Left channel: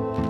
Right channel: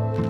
We